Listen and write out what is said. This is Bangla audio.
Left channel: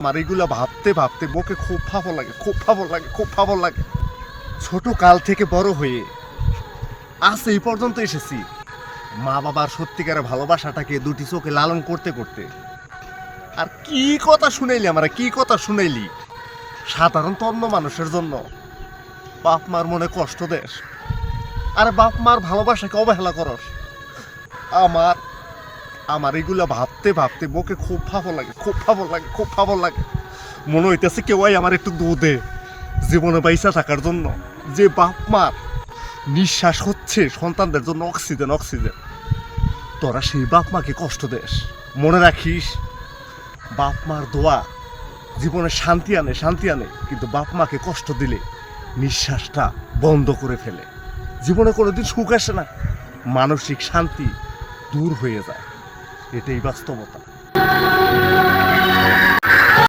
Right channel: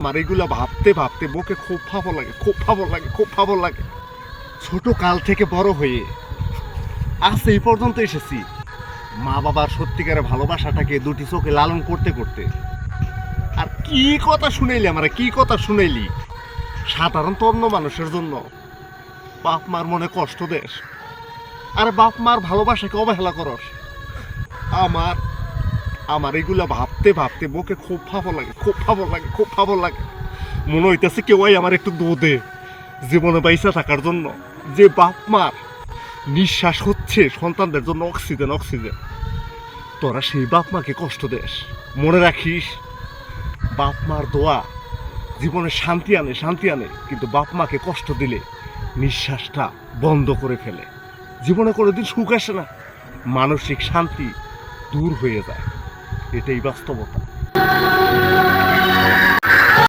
আমার এগুলা ভাবতে ভাবতে বুকে খুব ভালো লাগে, খুব ভালো লাগে, খুব ভালো লাগে। ছোট কাল থেকে বড় হয়ে আজ এই পর্যন্ত এসেছি মা বাবার সত্যিকারের ভালোবাসাটাকে দুটি চোখে লালন করতে করতে। আর কি কথা শুনাইলি আমার, কি কথা শুনাইলি সাধারণত অন্য মানুষের জন্য বাপ মার মনে কষ্ট দেশ, আরে বাপ মার ভালোবাসাকে অবহেলা করস। আমার আমার এগুলা ভাবতে ভাবতে বুকে খুব ভালো লাগে, খুব ভালো লাগে, খুব ভালো লাগে। মনে হইতেছে কেউ আমার একটু দে জীবনে বাইসা থাকার জন্য। যে বাপ মার নিঃশ্বাস হচ্ছে সন্তানদের জন্য অক্সিজেন, অক্সিজেন। তোরা সেই বাপ মাকে কষ্ট দেস। মনে রাখিস, বাপ মার দোয়া জীবনে শান্তি আনে, শান্তি আনে, কিন্তু বাপ মাকে কষ্ট দিলে নিঃশ্বাসটা বন্ধ করে ফেলে। জীবনে কোনোদিন সুখ আসে না, মানসিক শান্তি দূর হয়ে যায়। এটাই বাস্তবতা।